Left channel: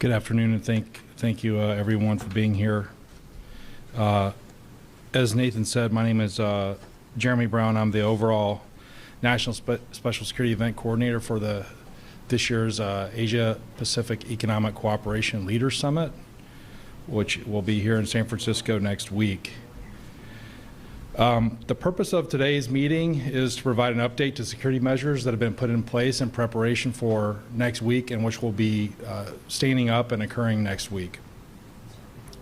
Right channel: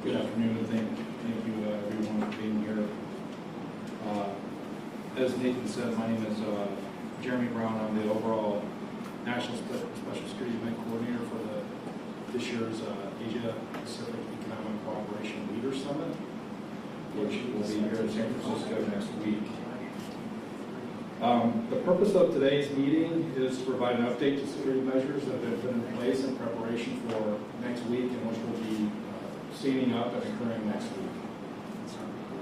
Good afternoon, and thank you everyone for being here. As Nathan said, my name is Jeremy Brown. I'm the overall National Special Security Event Coordinator for this year's Asia Pacific Economic Cooperation Leaders Summit, which will be here in San Francisco next week. The purpose of today's meeting is to provide an update to security measures that have been put in place in preparation for next week, and which will be standing up and occurring next week.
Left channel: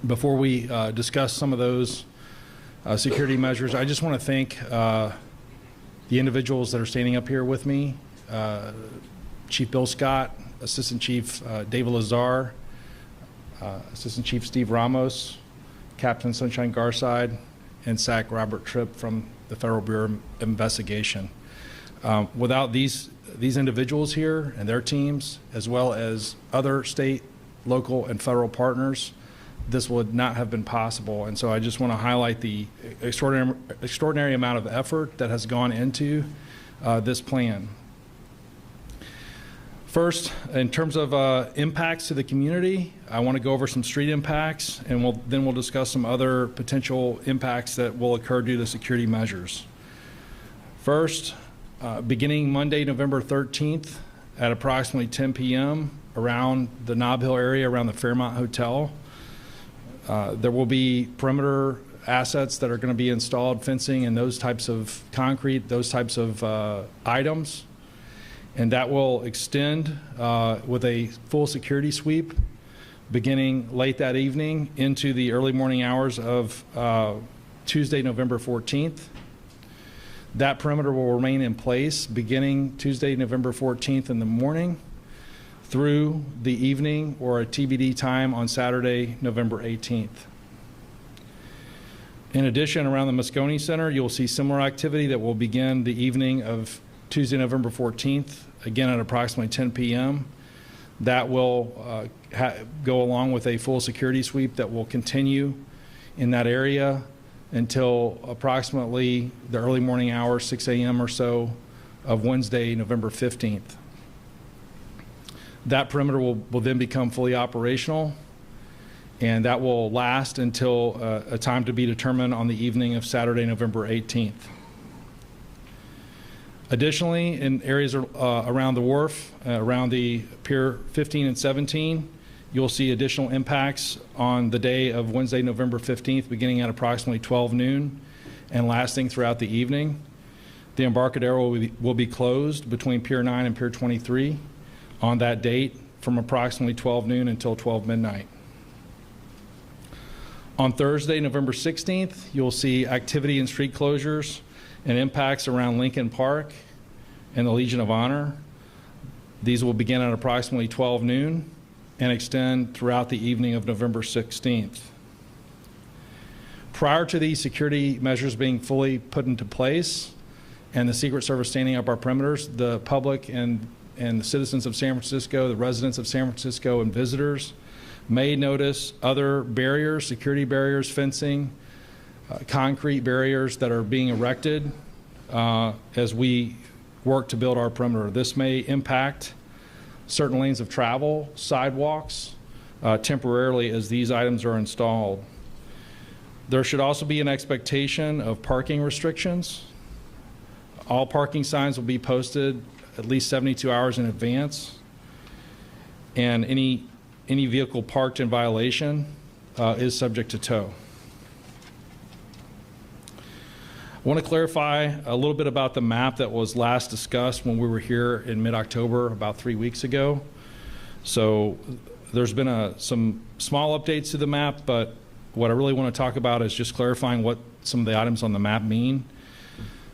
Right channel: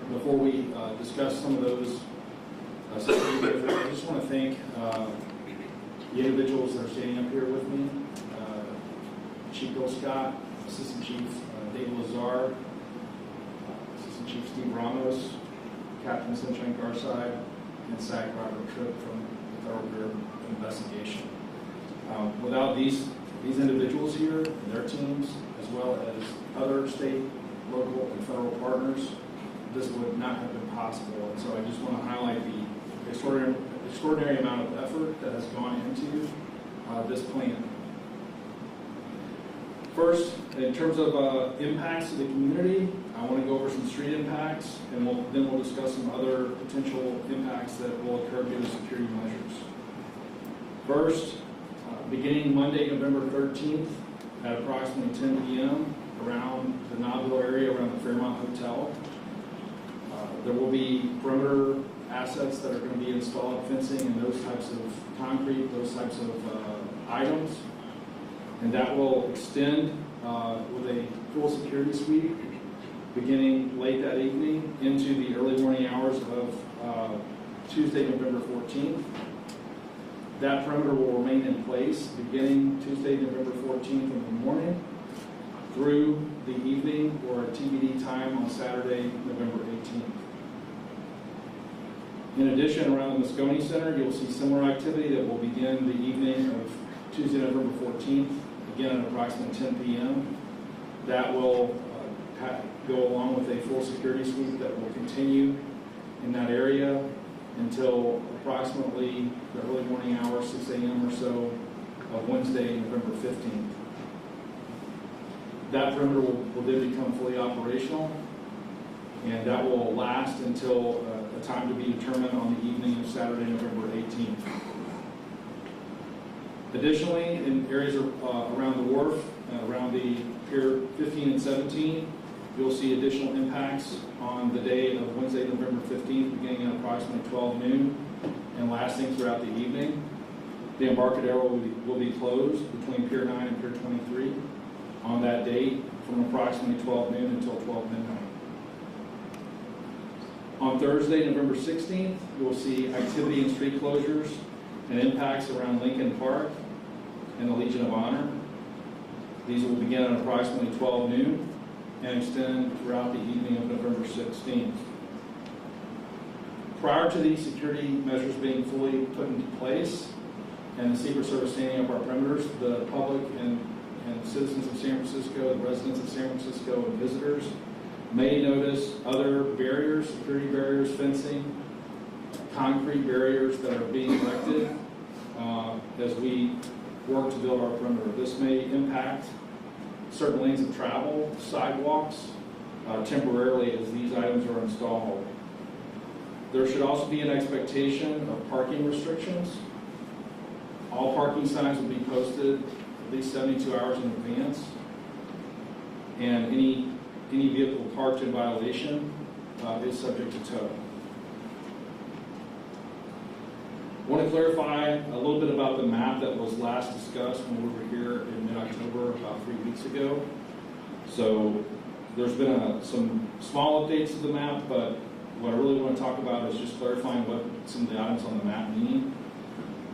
Before we discuss some of those security measures, I just want to thank the individuals that are standing up here with me. Chief Bill Scott, Assistant Chief David Lazar, Assistant Chief Steve Ramos, Captain Sunshine Garside, and SAC Robert Tripp from the Federal Bureau of Investigation. Without these individuals here and their teams, as well as other state, local, and federal partners, this would not have been possible. And so I just want to highlight the extraordinary amount of effort that has gone into this plan. First, in terms of impacts to the community, I want to go over some street impacts, and then we'll discuss some other potential impacts that will occur due to security measures. First, beginning Monday, November 13th at approximately 10 p.m. around the Nob Hill area, around the Fairmont Hotel, there will be perimeter assets that are going to be installed, fencing and those types of concrete, those types of items. And that will extend with a full security sweep beginning late that evening into the early morning hours of Tuesday, November 14th. That perimeter will remain in place beginning Tuesday, November 14th in the morning through the evening or a TBD time on Saturday, November 18th. In addition, around the Moscone Center, you'll see similar activity that will begin the evening of Tuesday, November 14th, again at approximately 10 p.m. That will go along with a full security sweep that will continue in that area until approximately the early morning hours, 6 a.m. or so, of Wednesday, November 15th. That perimeter will then become fully operational, and that will last until a time to be determined on the evening of Saturday, November 18th. Additionally, in areas around the wharf, around the Pier 15 and 17, you'll see additional impacts on the day of Wednesday, November 15th, beginning at approximately 12 noon and lasting throughout the evening. The Embarcadero will be closed between Pier 9 and Pier 23 on that date from approximately 12 noon until 12 midnight. On Thursday, November 16th, you'll see activity and street closures and impacts around Lincoln Park and the Legion of Honor. These will begin at approximately 12 noon and extend throughout the evening of November 16th. Prior to these security measures being fully put into place and the Secret Service standing up our perimeters, the public and the citizens of San Francisco, the residents of San Francisco and visitors may notice other barriers, security barriers, fencing, concrete barriers that are being erected as we work to build our perimeter. This may impact certain lanes of travel, sidewalks, temporarily as these items are installed. There should also be an expectation of parking restrictions. All parking signs will be posted at least 72 hours in advance, and any vehicle parked in violation is subject to tow. I want to clarify a little bit about the map that was last discussed when we were here in mid-October about 3 weeks ago. So there's been some small updates to the map, but what I really want to talk about is just clarifying what some of the items on the map mean.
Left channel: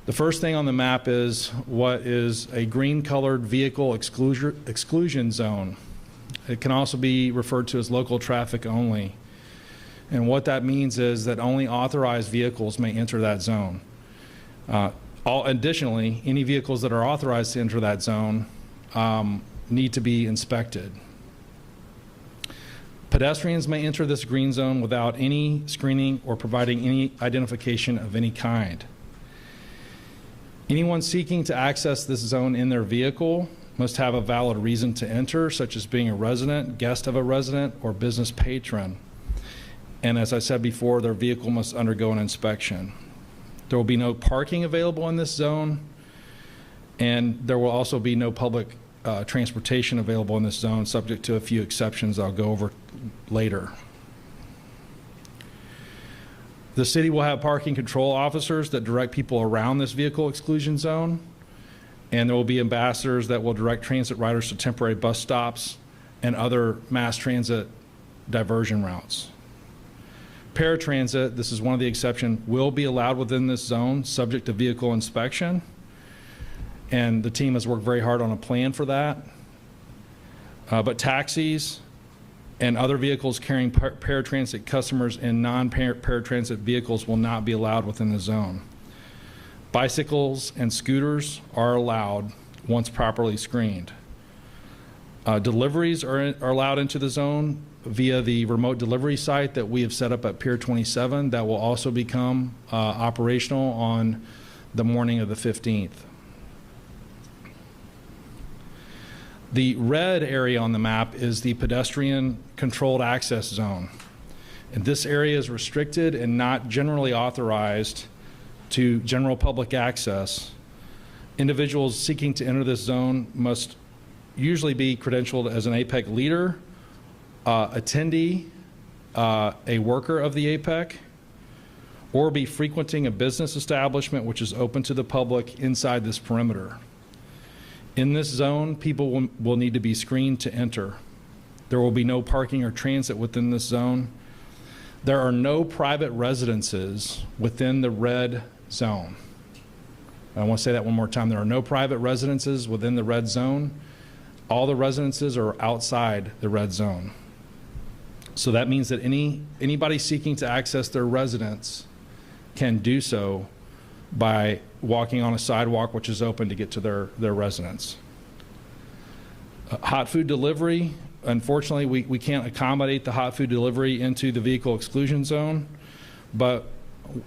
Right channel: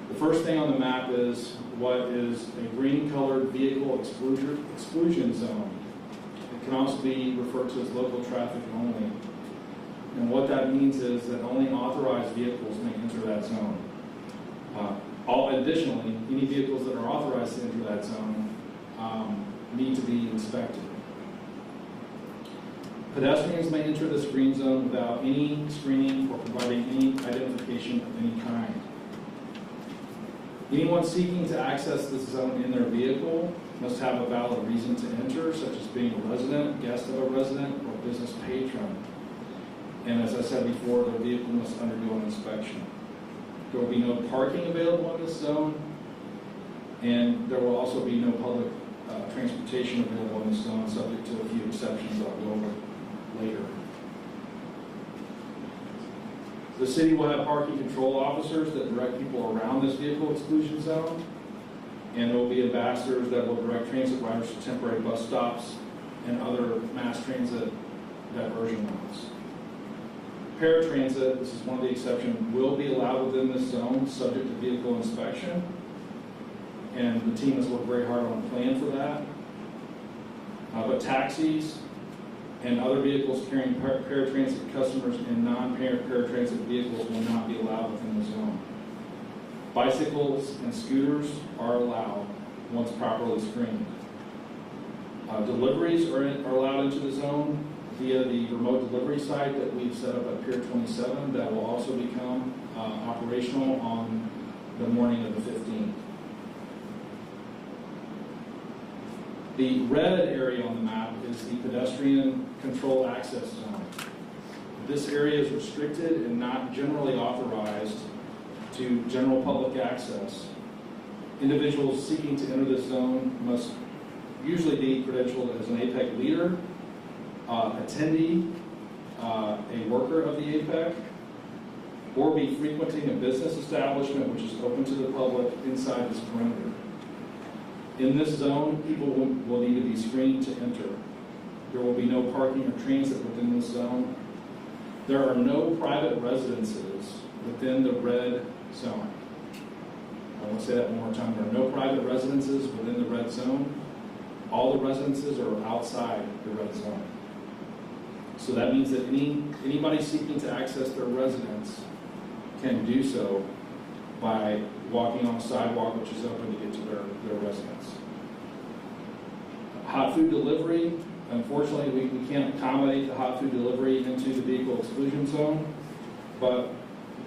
The first thing on the map is what is a green-colored vehicle exclusion zone. It can also be referred to as local traffic only. And what that means is that only authorized vehicles may enter that zone. Additionally, any vehicles that are authorized to enter that zone need to be inspected. Pedestrians may enter this green zone without any screening or providing any identification of any kind. Anyone seeking to access this zone in their vehicle must have a valid reason to enter, such as being a resident, guest of a resident, or business patron. And as I said before, their vehicle must undergo an inspection. There will be no parking available in this zone, and there will also be no public transportation available in this zone, subject to a few exceptions I'll go over later. The city will have parking control officers that direct people around this vehicle exclusion zone, and there will be ambassadors that will direct transit riders to temporary bus stops and other mass transit diversion routes. Paratransit, this is one of the exceptions, will be allowed within this zone, subject to vehicle inspection, and the team has worked very hard on a plan for that. But taxis and other vehicles carrying paratransit customers and non-paratransit vehicles will not be allowed within the zone. Bicycles and scooters are allowed once properly screened. Deliveries are allowed into the zone via the remote delivery site that we have set up at Pier 27 that will also become operational on the morning of the 15th. The red area on the map is the pedestrian controlled access zone. And this area is restricted and not generally authorized to general public access. Individuals seeking to enter this zone must usually be credentialed as an APEC leader, attendee, a worker of the APEC, or be frequenting a business establishment which is open to the public inside this perimeter. In this zone, people will need to be screened to enter. There will be no parking or transit within this zone. There are no private residences within the red zone. I want to say that one more time. There are no private residences within the red zone. All the residences are outside the red zone. So that means that anybody seeking to access their residence can do so by walking on a sidewalk which is open to get to their residence. Hot food delivery, unfortunately we can't accommodate the hot food delivery into the vehicle exclusion zone, but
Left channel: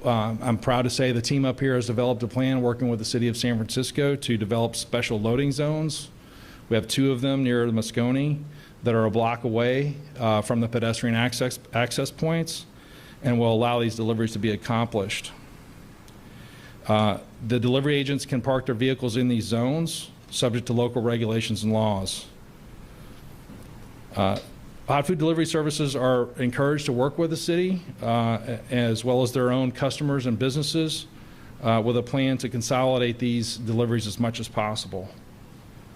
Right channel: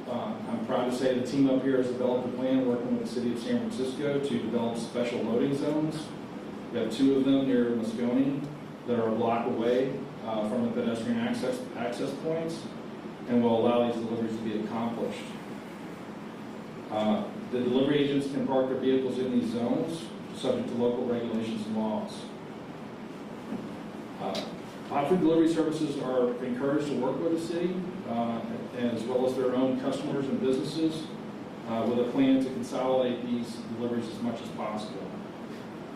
I'm proud to say the team up here has developed a plan working with the city of San Francisco to develop special loading zones. We have 2 of them near Moscone that are a block away from the pedestrian access points and will allow these deliveries to be accomplished. The delivery agents can park their vehicles in these zones, subject to local regulations and laws. Hot food delivery services are encouraged to work with the city, as well as their own customers and businesses, with a plan to consolidate these deliveries as much as possible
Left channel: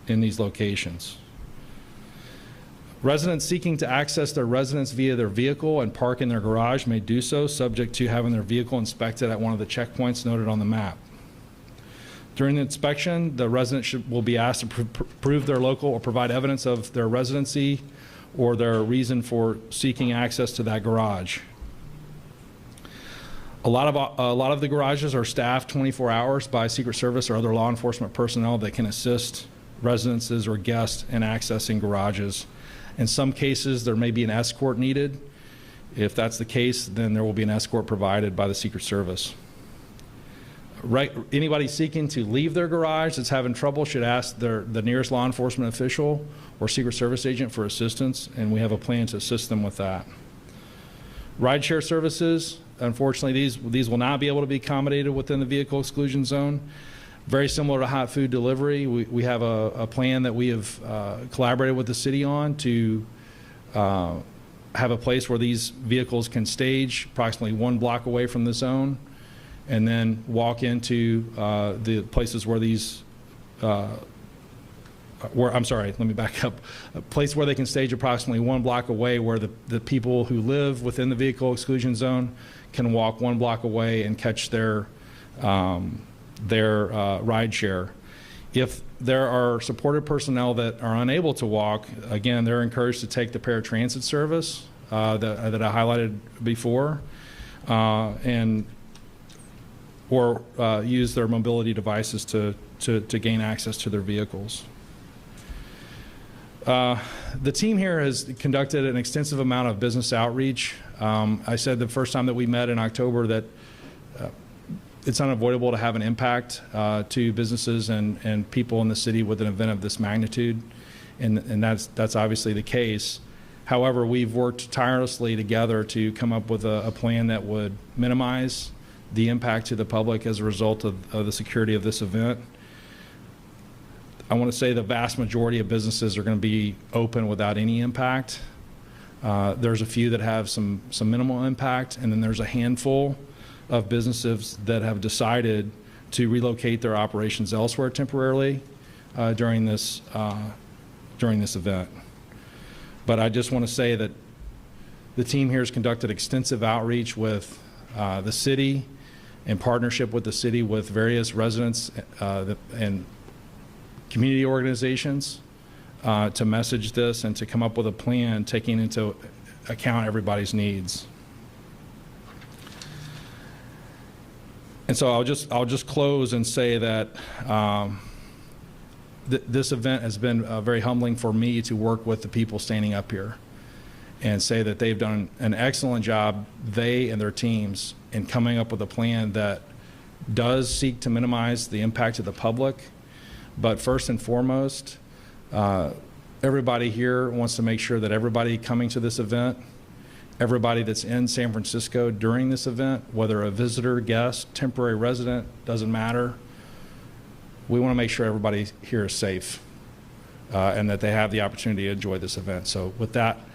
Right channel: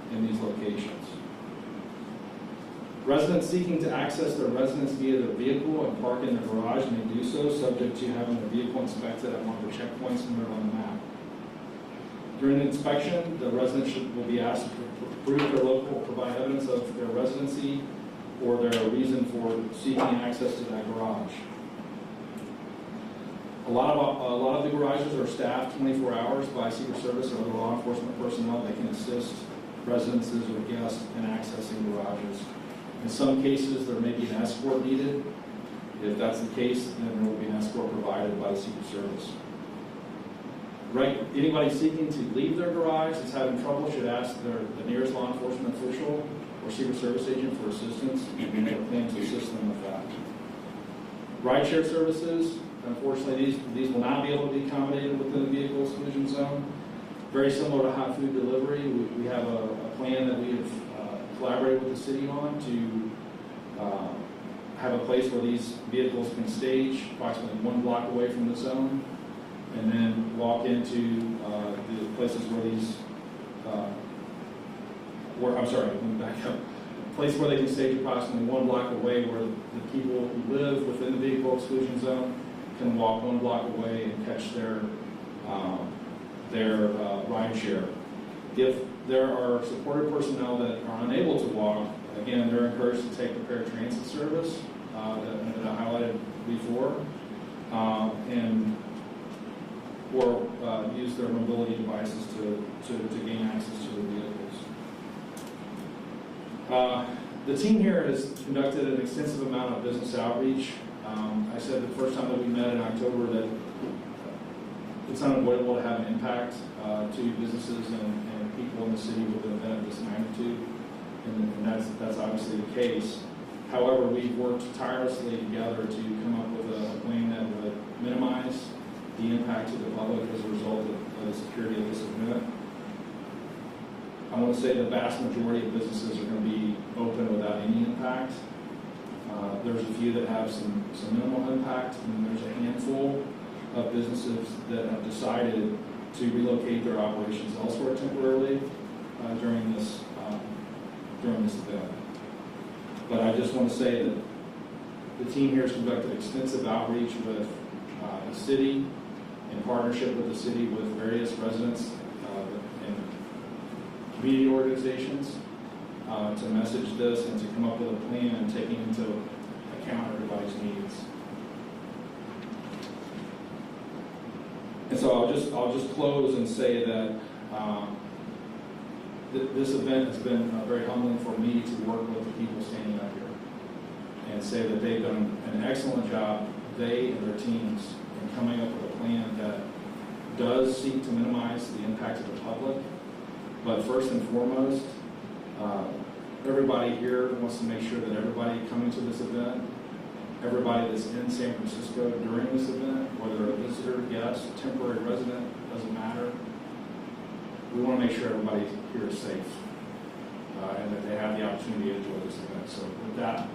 in these locations. Residents seeking to access their residence via their vehicle and park in their garage may do so, subject to having their vehicle inspected at one of the checkpoints noted on the map. During the inspection, the resident will be asked to prove their local or provide evidence of their residency or their reason for seeking access to that garage. A lot of the garages are staffed 24 hours by Secret Service or other law enforcement personnel that can assist residences or guests in accessing garages. In some cases, there may be an escort needed. If that's the case, then there will be an escort provided by the Secret Service. Anybody seeking to leave their garage that's having trouble should ask the nearest law enforcement official or Secret Service agent for assistance, and we have a plan to assist them with that. Rideshare services, unfortunately, these will not be able to be accommodated within the vehicle exclusion zone. Very similar to hot food delivery, we have a plan that we have collaborated with the city on to have a place where these vehicles can stage approximately 1 block away from the zone and then walk into the places where these, I'm sorry, let me back up. A place where they can stage approximately 1 block away where the people who live within the vehicle exclusion zone can walk 1 block away and catch their ride share. If there are supported personnel that are unable to walk, again, they're encouraged to take the paratransit service that I highlighted before, or use their mobility devices to gain access to their vehicles. The team here has conducted an extensive amount of business outreach. I said the first time that we met in October that it's unavoidable to have an impact to businesses and people in the city with an event of this magnitude, and that's obviously the case. However, we've worked tirelessly together to come up with a plan that would minimize the impact to the public as a result of the security of this event. I want to say the vast majority of businesses are going to be open without any impact. There's a few that have some minimal impact, and then there's a handful of businesses that have decided to relocate their operations elsewhere temporarily during this event. But I just want to say that the team here has conducted extensive outreach with the city, in partnership with the city, with various residents and community organizations to message this and to come up with a plan taking into account everybody's needs. And so I'll just close and say that this event has been very humbling for me to work with the people standing up here and say that they've done an excellent job, they and their teams, in coming up with a plan that does seek to minimize the impact to the public. But first and foremost, everybody here wants to make sure that everybody coming to this event, everybody that's in San Francisco during this event, whether a visitor, guest, temporary resident, doesn't matter, we want to make sure everybody here is safe and that they have the opportunity to enjoy this event. So with that,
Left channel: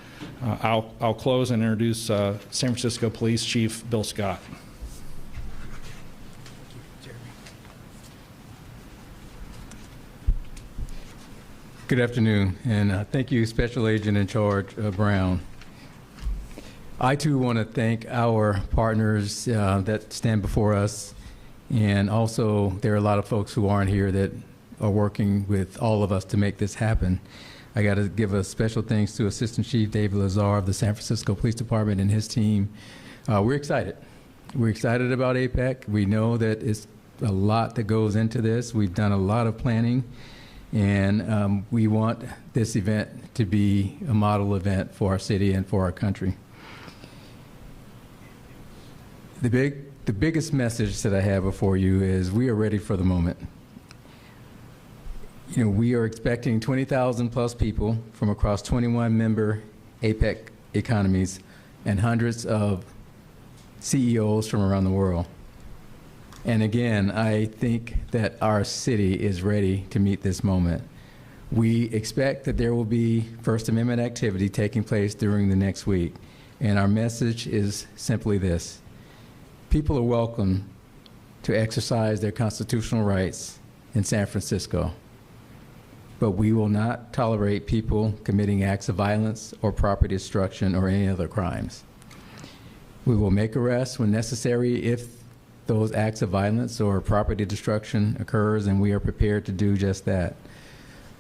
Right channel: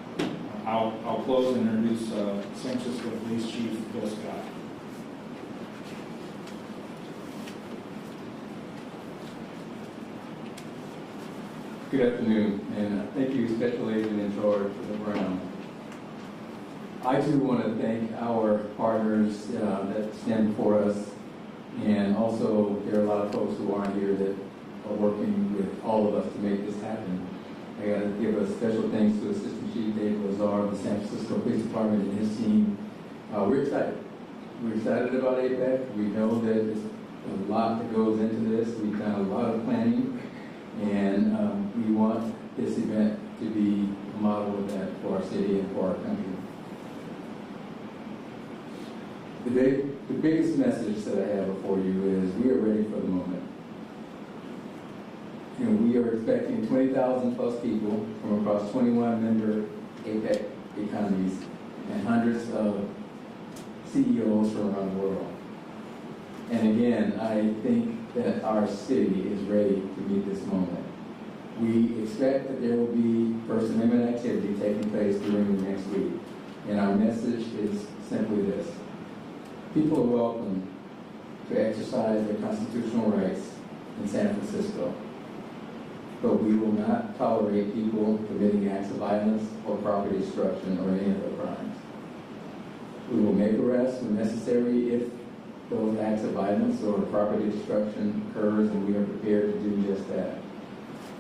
I'll close and introduce San Francisco Police Chief Bill Scott. Good afternoon, and thank you, Special Agent in Charge Brown. I too want to thank our partners that stand before us, and also there are a lot of folks who aren't here that are working with all of us to make this happen. I got to give a special thanks to Assistant Chief David Lazar of the San Francisco Police Department and his team. We're excited. We're excited about APEC. We know that it's a lot that goes into this. We've done a lot of planning. And we want this event to be a model event for our city and for our country. The biggest message that I have before you is we are ready for the moment. You know, we are expecting 20,000 plus people from across 21 member APEC economies and hundreds of CEOs from around the world. And again, I think that our city is ready to meet this moment. We expect that there will be First Amendment activity taking place during the next week. And our message is simply this: people are welcome to exercise their constitutional rights in San Francisco, but we will not tolerate people committing acts of violence or property destruction or any other crimes. We will make arrests when necessary if those acts of violence or property destruction occurs, and we are prepared to do just that.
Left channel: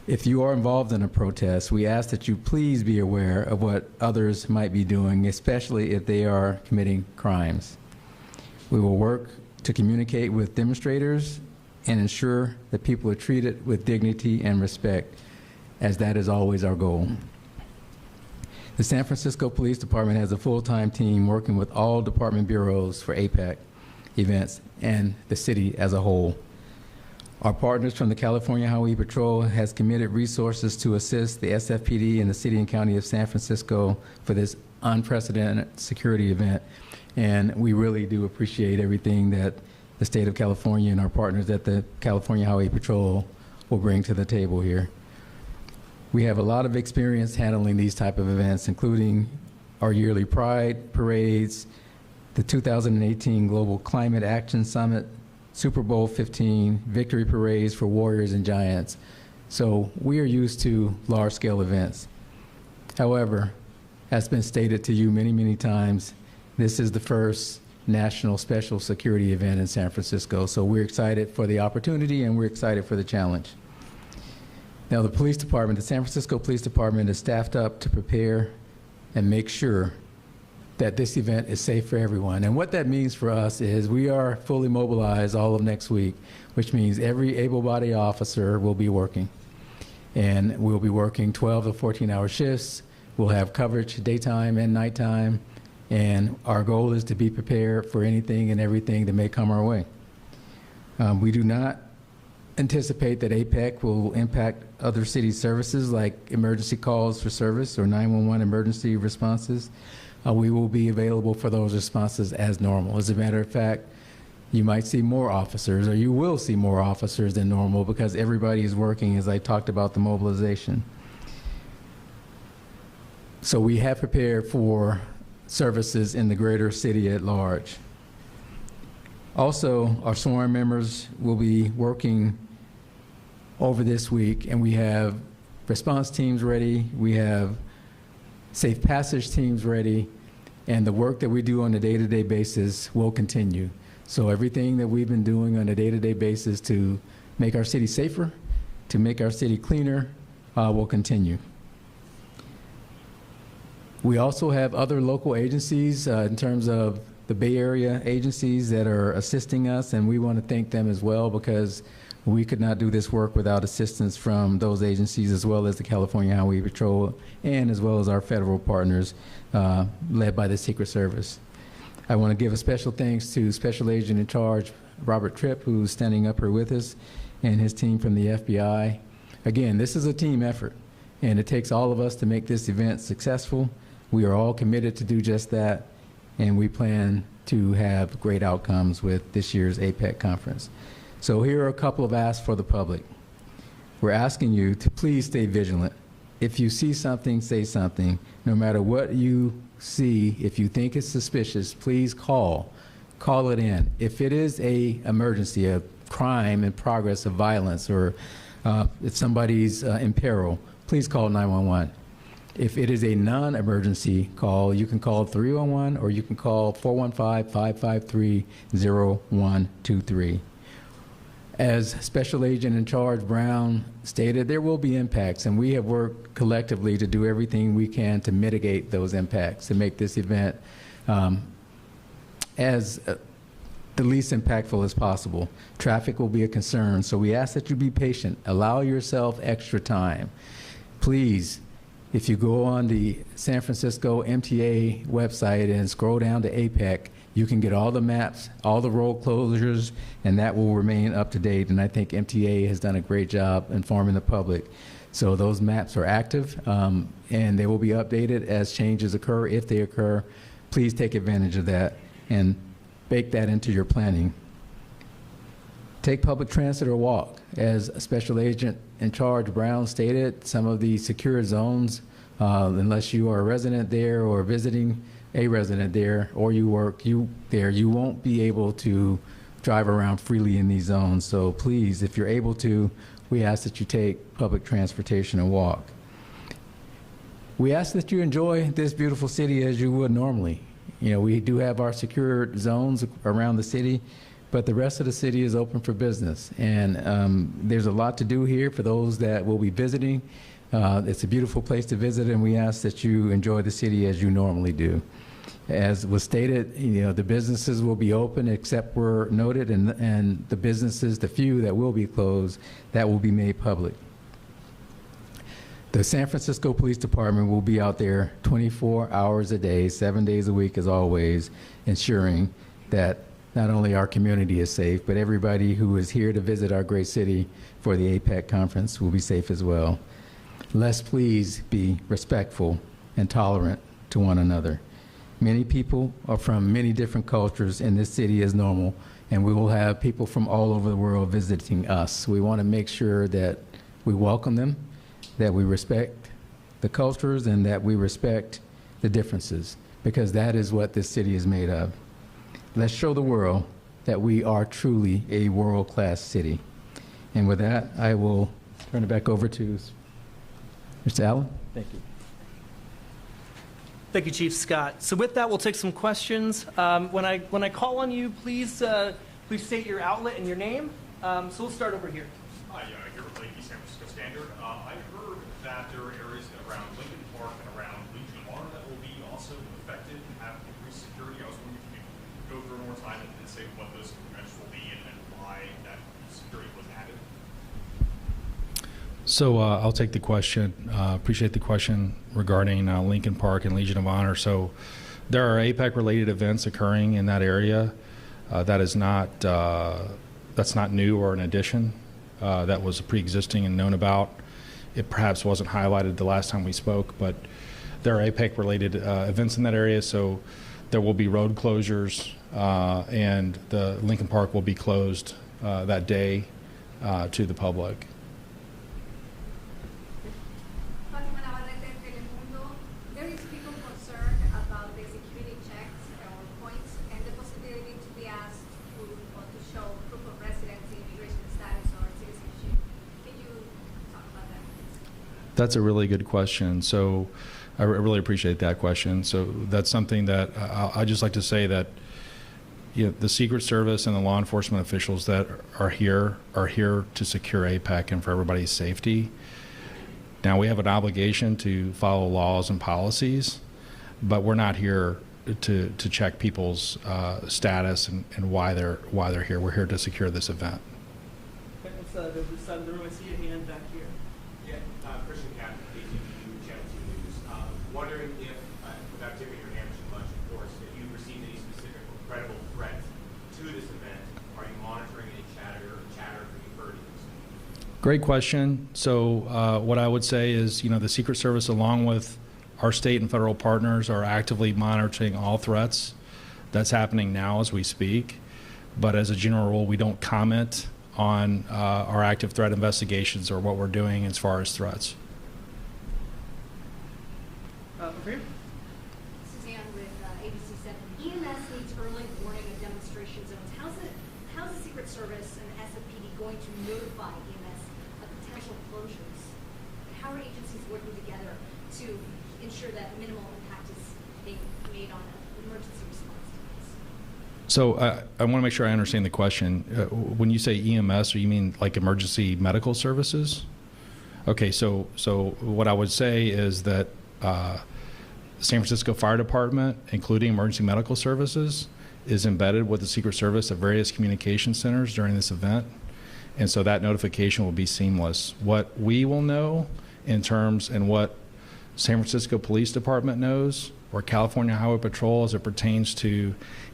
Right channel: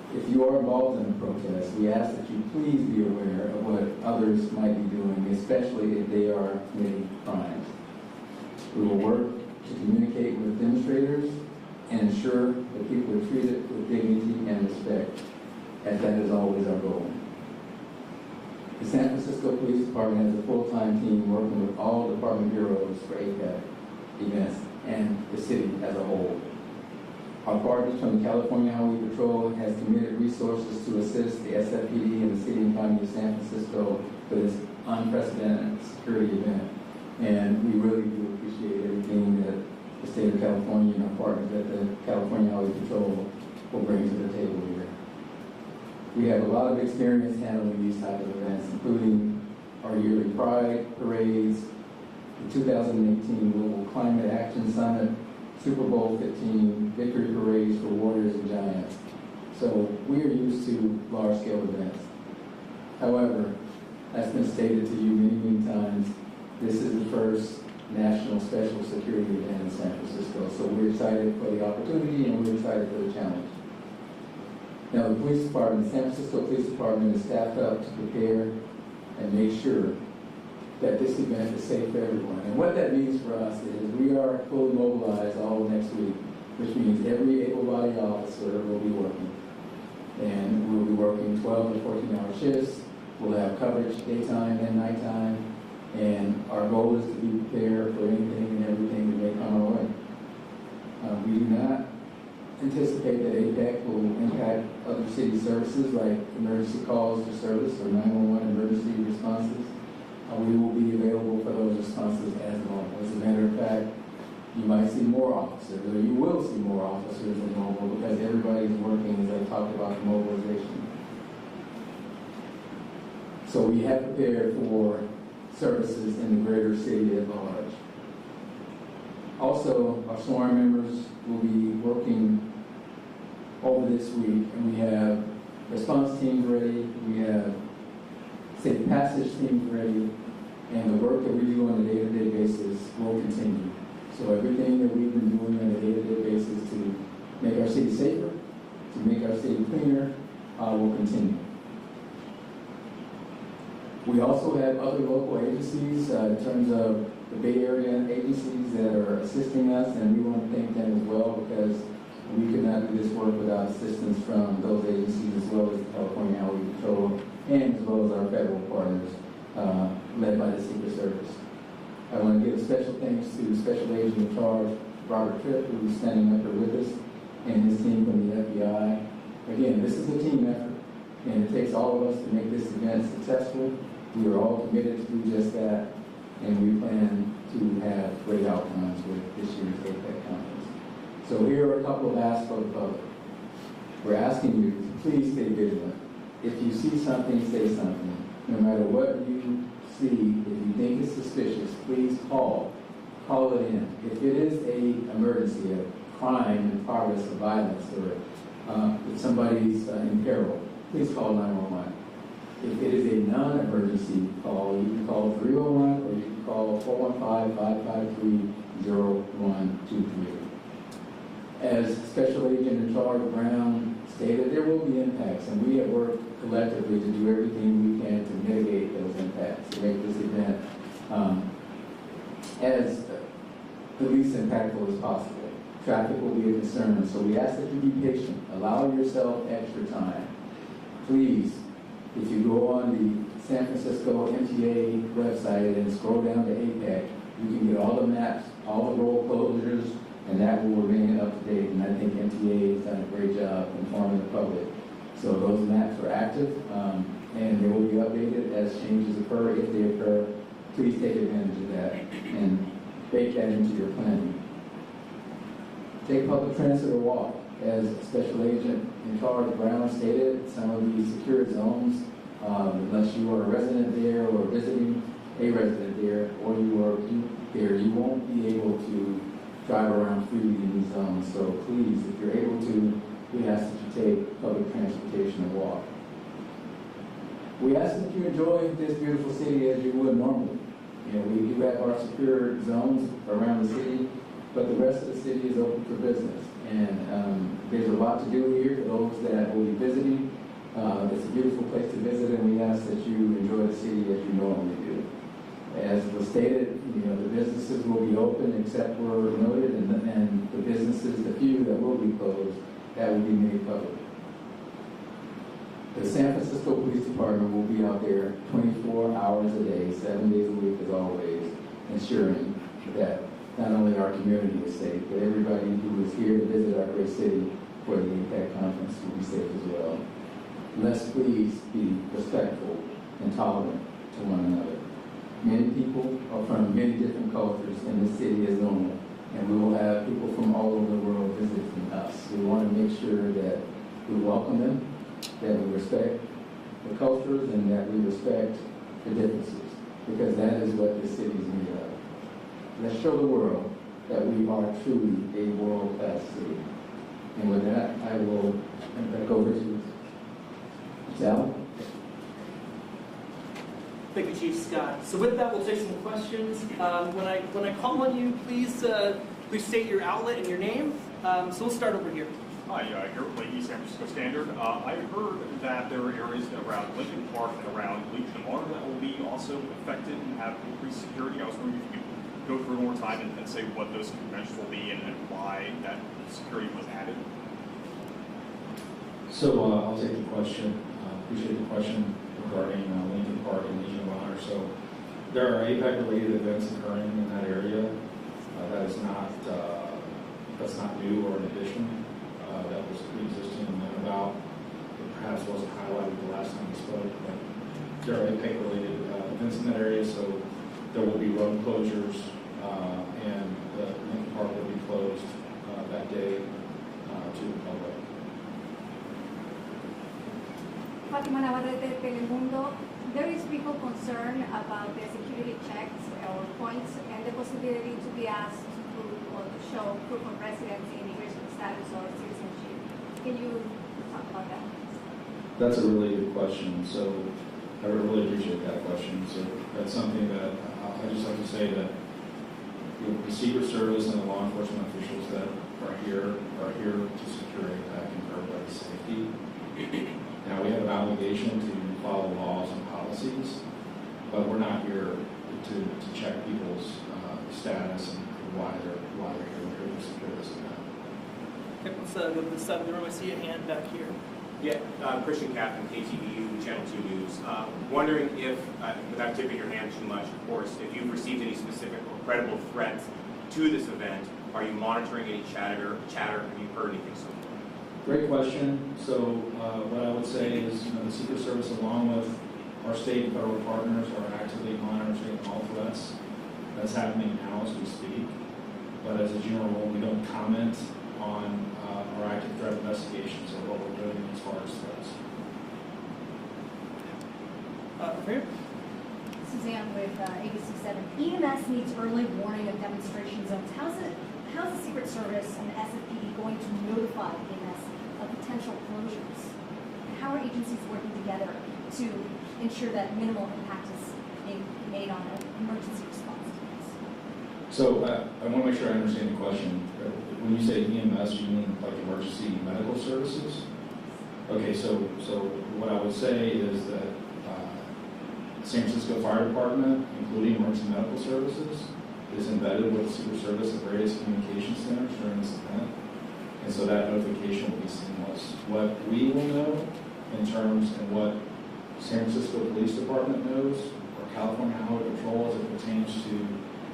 If you are involved in a protest, we ask that you please be aware of what others might be doing, especially if they are committing crimes. We will work to communicate with demonstrators and ensure that people are treated with dignity and respect, as that is always our goal. The San Francisco Police Department has a full-time team working with all department bureaus for APEC events and the city as a whole. Our partners from the California Highway Patrol has committed resources to assist the SFPD and the City and County of San Francisco for this unprecedented security event. And we really do appreciate everything that the state of California and our partners at the California Highway Patrol will bring to the table here. We have a lot of experience handling these type of events, including our yearly Pride parades, the 2018 Global Climate Action Summit, Super Bowl 15, victory parades for warriors and giants. So we are used to large-scale events. However, as been stated to you many, many times, this is the first national special security event in San Francisco. So we're excited for the opportunity and we're excited for the challenge. Now the police department, the San Francisco Police Department is staffed up to prepare and make sure that this event is safe for everyone. And what that means for us is we are fully mobilized all of next week, which means every able-bodied officer will be working. And we'll be working 12 to 14-hour shifts. We'll have coverage daytime and nighttime. And our goal is to be prepared for anything and everything that may come our way. We do not anticipate that APEC will impact other city services like emergency calls for service or 911 emergency responses. We will be available for those responses as normal. As a matter of fact, you might see more officers, or you will see more officers than normal because everybody is working, as I talked about the mobilization. So we have prepared for services in the greater city at large. Also, our sworn members will be working over this week, and we have response teams ready, we have safe passage teams ready, and the work that we do on a day-to-day basis will continue. So everything that we've been doing on a day-to-day basis to make our city safer, to make our city cleaner, will continue. We also have other local agencies in terms of the Bay Area agencies that are assisting us, and we want to thank them as well because we could not do this work without assistance from those agencies as well as the California Highway Patrol and as well as our federal partners led by the Secret Service. I want to give a special thanks to Special Agent in Charge Robert Tripp, who's standing up here with us, and his team from the FBI. Again, this is a team effort, and it takes all of us to make this event successful. We are all committed to do just that, and we plan to have great outcomes with this year's APEC conference. So here are a couple of asks for the public. We're asking you to please stay vigilant. If you see something, say something. No matter what you see, if you think it's suspicious, please call it in. If it is an emergency, a crime in progress of violence, or if somebody's in peril, please call 911. If it is a non-emergency call, you can call 311 or you can call 415-553-0123. As Special Agent in Charge Brown stated, there will be impacts, and we have worked collectively to do everything we can to mitigate those impacts, to make this event as the least impactful as possible. Traffic will be a concern, so we ask that you be patient. Allow yourself extra time. Please, if you go on the San Francisco MTA website and scroll down to APEC, you can get all the maps, all the road closures, and that will remain up to date. And I think MTA has done a great job informing the public. So those maps are active, and they will be updated as changes occur. If they occur, please take advantage of that and bake that into your planning. Take public transit or walk. As Special Agent in Charge Brown stated, some of the secure zones, unless you are a resident there or visiting a resident there, or you work there, you won't be able to drive around freely in these zones. So please, if you're able to, we ask that you take public transportation and walk. We ask that you enjoy this beautiful city as you would normally. You know, we do have our secure zones around the city, but the rest of the city is open for business. And there's a lot to do here for those that will be visiting. It's a beautiful place to visit, and we ask that you enjoy the city as you normally do. As was stated, you know, the businesses will be open except where noted, and the businesses, the few that will be closed, that will be made public. The San Francisco Police Department will be out there 24 hours a day, 7 days a week as always, ensuring that not only our community is safe, but everybody who is here to visit our great city for the APEC conference will be safe as well. Let's please be respectful and tolerant to one another. Many people are from many different cultures in this city as normal, and we will have people from all over the world visiting us. We want to make sure that we welcome them, that we respect the cultures, and that we respect the differences, because that is what this city is made of. Let's show the world that we are truly a world-class city. And with that, I will turn it back over to Mr. Allen. Thank you. Thank you, Chief Scott. So with that, we'll take some questions. When I call on you, please state your outlet and your name. So we'll start over here. Hi, here with Lady San Francisco Standard. I heard that there are areas around Lincoln Park and around Legion of Honor that will be also affected and have increased security. I was wondering if you could go through one more time and say what those conventions will be and why that security was added. So I'll take the question. Appreciate the question regarding Lincoln Park and Legion of Honor. So there are APEC-related events occurring in that area. That is not that's not new or an addition. That was pre-existing and known about. It perhaps wasn't highlighted the last time we spoke, but there are APEC-related events in that area, so there will be road closures, and the Lincoln Park will be closed that day to the public. Fatima Navarrete, Telemundo. There is people concerned about the security checks or points and the possibility to be asked to show proof of residency, immigration status, or citizenship. Can you talk about that? That's a really good question. So I really appreciate that question. So that's something that I just like to say that the Secret Service and the law enforcement officials that are here to secure APEC and for everybody's safety. Now, we have an obligation to follow laws and policies, but we're not here to check people's status and why they're here. We're here to secure this event. Let's go to the side of the room. I see a hand back here. Yeah, Christian Captain, KTVU, Channel 2 News. Wondering if, without tipping your hand too much, of course, if you've received any specific or credible threats to this event. Are you monitoring any chatter? Have you heard anything so far? Great question. So what I would say is, the Secret Service, along with our state and federal partners, are actively monitoring all threats. That's happening now as we speak. But as a general rule, we don't comment on our active threat investigations or what we're doing as far as threats. Over here. Suzanne with ABC 7. EMS needs early warning of demonstration zones. How's the Secret Service and the SFPD going to notify EMS of potential closures? How are agencies working together to ensure that minimal impact is being made on the emergency response teams? So I want to make sure I understand the question. When you say EMS, do you mean like emergency medical services? Okay, so what I would say is that San Francisco Fire Department, including emergency medical services, is embedded with the Secret Service at various communication centers during this event. And so that notification will be seamless. What we will know in terms and what San Francisco Police Department knows, or California Highway Patrol as it pertains to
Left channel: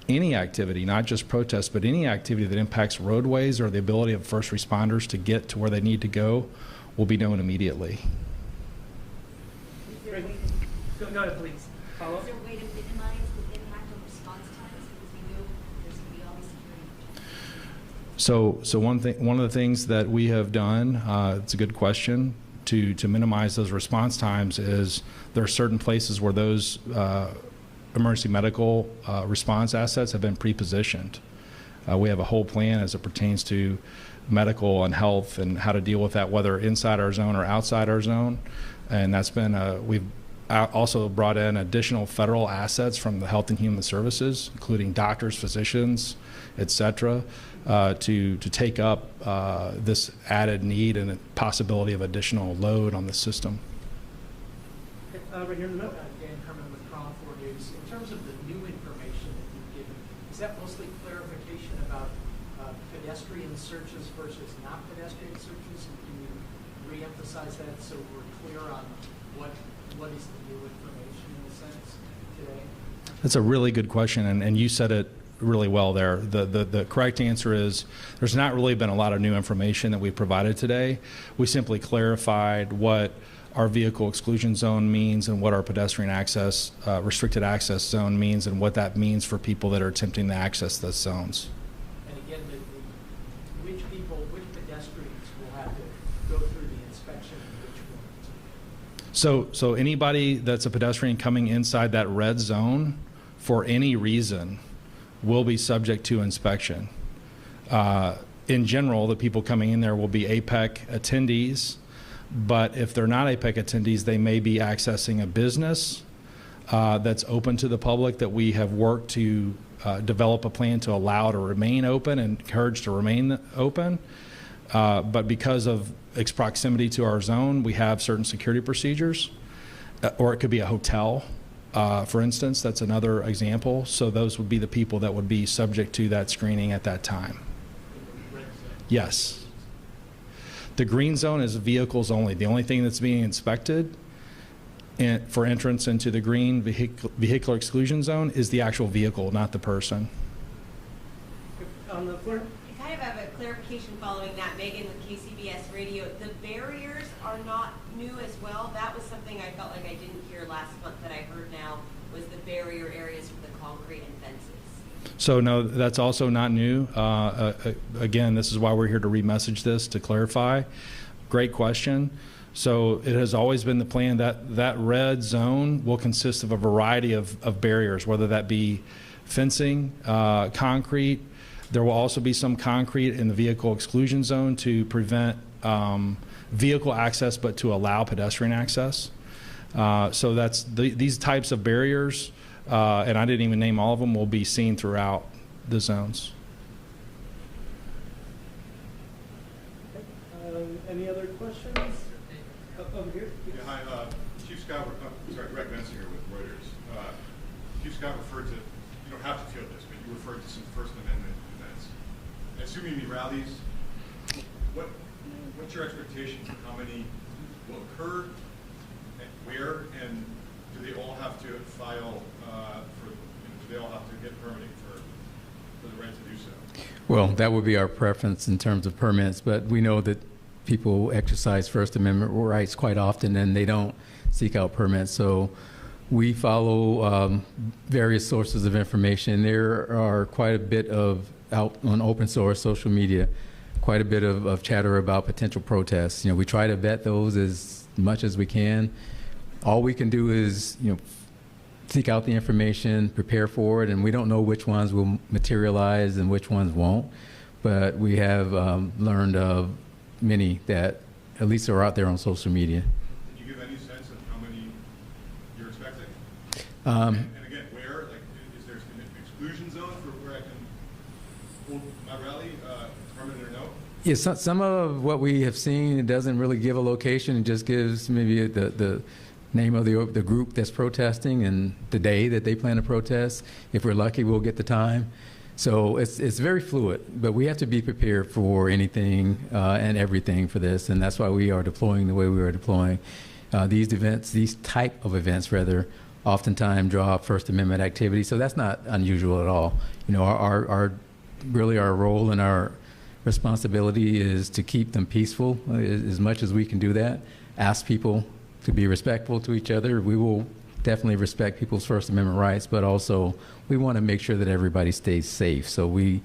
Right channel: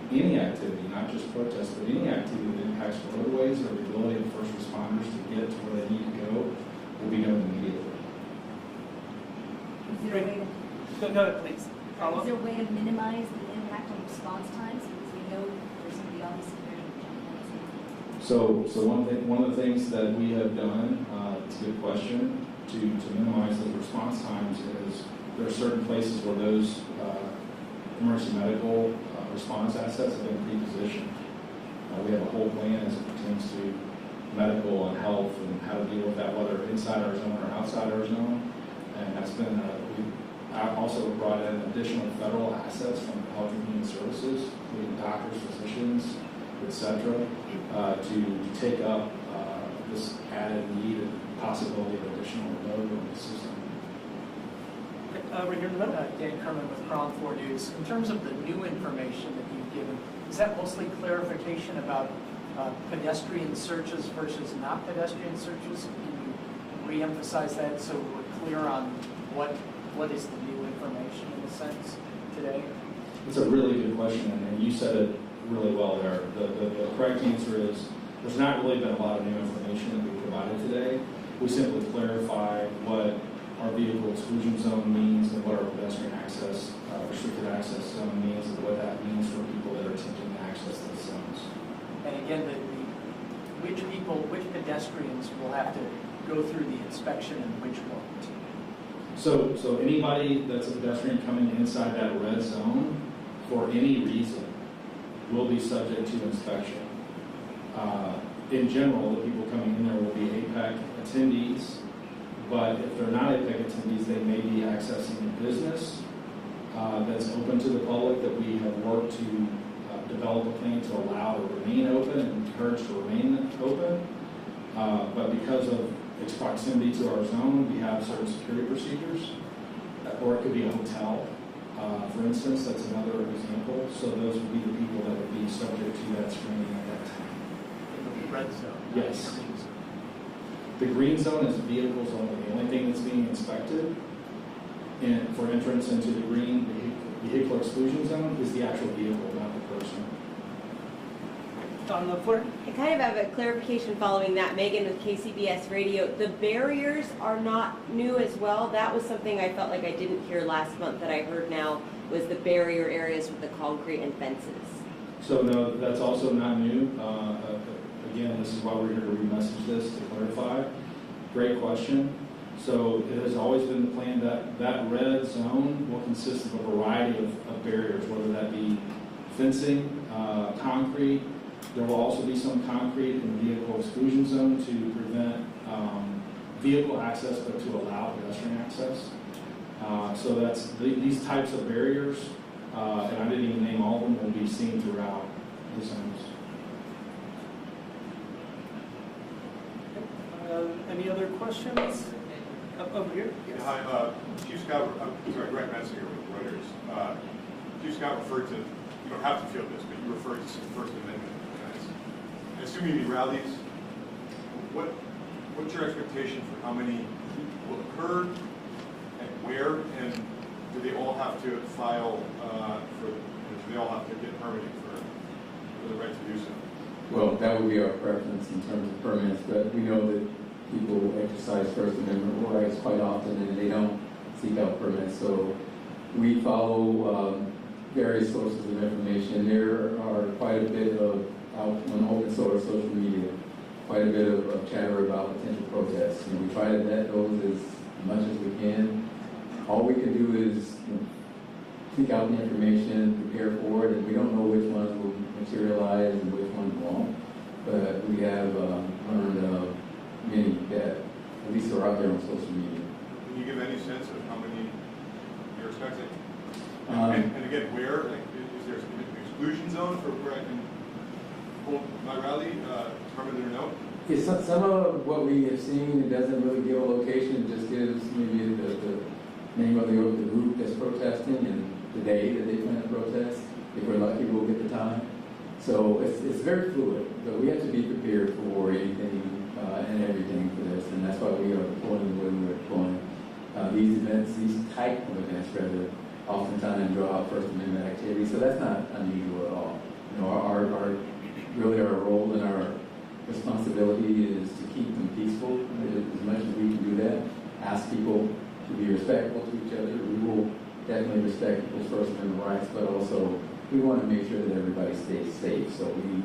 any activity, not just protests, but any activity that impacts roadways or the ability of first responders to get to where they need to go, will be known immediately. Is there a way Go ahead, please. is there a way to minimize the impact on response times because we know there's going to be all these security? So one of the things that we have done, it's a good question, to minimize those response times is there are certain places where those emergency medical response assets have been pre-positioned. We have a whole plan as it pertains to medical and health and how to deal with that, whether inside our zone or outside our zone. And that's been, we've also brought in additional federal assets from the Health and Human Services, including doctors, physicians, et cetera, to take up this added need and the possibility of additional load on the system. Right here in the middle. Dan Kerman with Cron 4 News. In terms of the new information that you've given, is that mostly clarification about pedestrian searches versus not pedestrian searches? Can you re-emphasize that so we're clear on what is the new information in a sense today? That's a really good question, and you said it really well there. The correct answer is there's not really been a lot of new information that we provided today. We simply clarified what our vehicle exclusion zone means and what our pedestrian access, restricted access zone means and what that means for people that are attempting to access those zones. And again, which pedestrians will have to go through the inspection and which won't? So anybody that's a pedestrian coming inside that red zone for any reason will be subject to inspection. In general, the people coming in there will be APEC attendees, but if they're not APEC attendees, they may be accessing a business that's open to the public that we have worked to develop a plan to allow to remain open and encourage to remain open. But because of its proximity to our zone, we have certain security procedures, or it could be a hotel, for instance. That's another example. So those would be the people that would be subject to that screening at that time. In the red zone? Yes. The green zone is vehicles only. The only thing that's being inspected for entrance into the green vehicular exclusion zone is the actual vehicle, not the person. on the floor. I kind of have a clarification following that. Megan with KCBS Radio. The barriers are not new as well. That was something I felt like I didn't hear last month that I heard now was the barrier areas with the concrete and fences. So no, that's also not new. Again, this is why we're here to remessage this, to clarify. Great question. So it has always been the plan that that red zone will consist of a variety of barriers, whether that be fencing, concrete. There will also be some concrete in the vehicle exclusion zone to prevent vehicle access, but to allow pedestrian access. So that's these types of barriers, and I didn't even name all of them, will be seen throughout the zones. Any other questions? Over here? Yes. Yeah, hi, Chief Scott, Greg Metz here with Reuters. Chief Scott referred to, you don't have to feel this, but you referred to some First Amendment events. I assume you mean rallies. What's your expectation for how many will occur, and where, and do they all have to file do they all have to get permitting for the right to do so? Well, that would be our preference in terms of permits, but we know that people exercise First Amendment rights quite often and they don't seek out permits. So we follow various sources of information. There are quite a bit of out on open source social media, quite a bit of chatter about potential protests. We try to vet those as much as we can. All we can do is, seek out the information, prepare for it, and we don't know which ones will materialize and which ones won't. But we have learned of many that at least are out there on social media. Can you give any sense of how many you're expecting? And again, where? Like, is there an exclusion zone for where I can hold my rally, permanent or no? Yeah, some of what we have seen, it doesn't really give a location. It just gives maybe the name of the group that's protesting and the day that they plan to protest. If we're lucky, we'll get the time. So it's very fluid, but we have to be prepared for anything and everything for this, and that's why we are deploying the way we are deploying. These type of events, rather, oftentimes draw First Amendment activity, so that's not unusual at all. Our role and our responsibility is to keep them peaceful as much as we can do that. Ask people to be respectful to each other. We will definitely respect people's First Amendment rights, but also we want to make sure that everybody stays safe. So we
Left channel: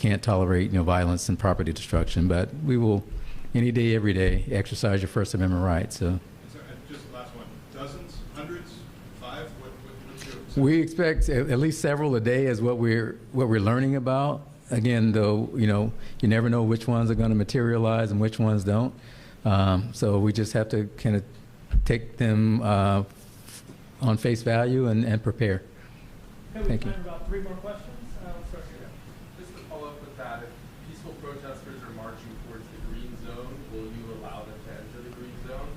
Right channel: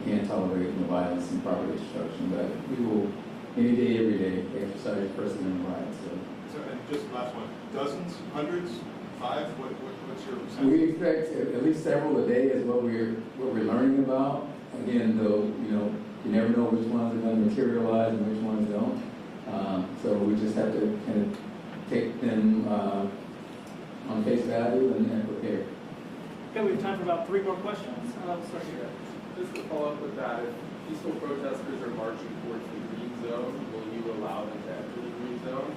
can't tolerate violence and property destruction, but we will any day, every day exercise your First Amendment rights. So And just the last one, dozens, hundreds, 5? What's your percentage? we expect at least several a day is what we're learning about. Again, though, you never know which ones are going to materialize and which ones don't. So we just have to kind of take them on face value and prepare. Okay, we have time for about 3 more questions. We'll start here. Just to follow up with that, if peaceful protesters are marching towards the green zone, will you allow them to enter the green zone?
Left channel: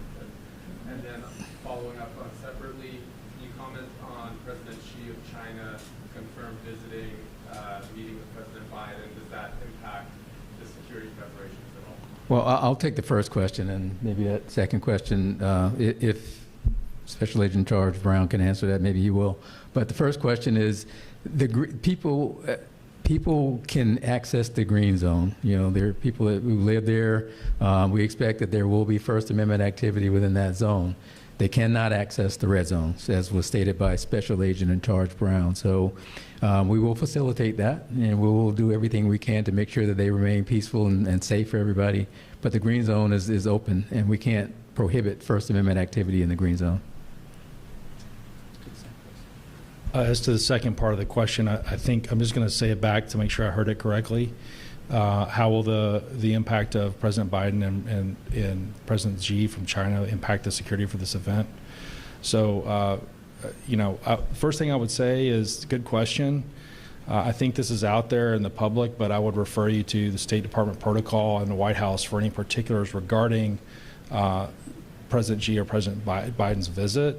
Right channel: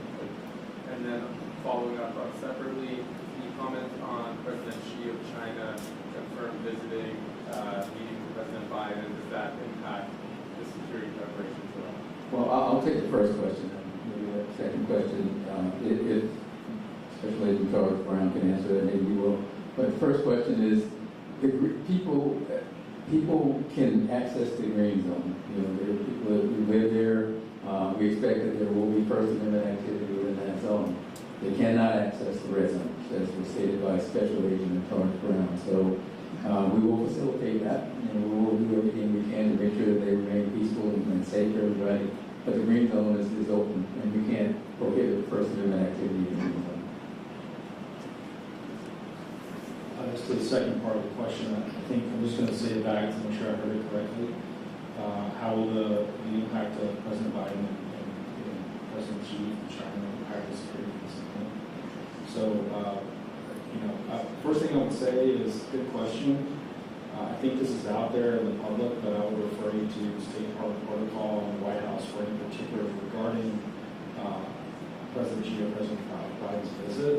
And then following up separately, can you comment on President Xi of China confirmed visiting, meeting with President Biden? Does that impact the security preparations at all? Well, I'll take the first question, and maybe that second question, if Special Agent George Brown can answer that, maybe he will. But the first question is, people can access the green zone. There are people that who live there. We expect that there will be First Amendment activity within that zone. They cannot access the red zones, as was stated by Special Agent in Charge Brown. So we will facilitate that, and we will do everything we can to make sure that they remain peaceful and safe for everybody. But the green zone is open, and we can't prohibit First Amendment activity in the green zone. As to the second part of the question, I think I'm just going to say it back to make sure I heard it correctly. How will the impact of President Biden and President Xi from China impact the security for this event? So, first thing I would say is, good question. I think this is out there in the public, but I would refer you to the State Department protocol and the White House for any particulars regarding President Xi or President Biden's visit.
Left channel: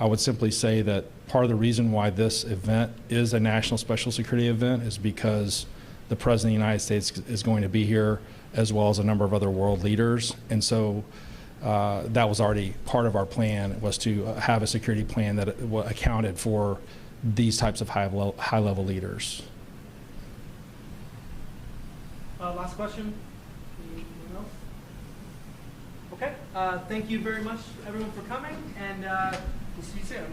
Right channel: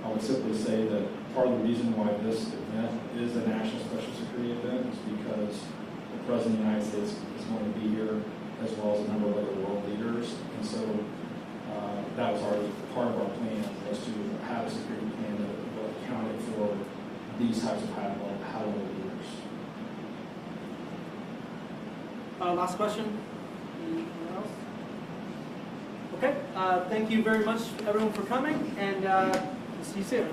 I would simply say that part of the reason why this event is a national special security event is because the President of the United States is going to be here, as well as a number of other world leaders. And so that was already part of our plan, was to have a security plan that accounted for these types of high-level leaders. Last question? Anything else? Okay, thank you very much, everyone, for coming, and see you soon.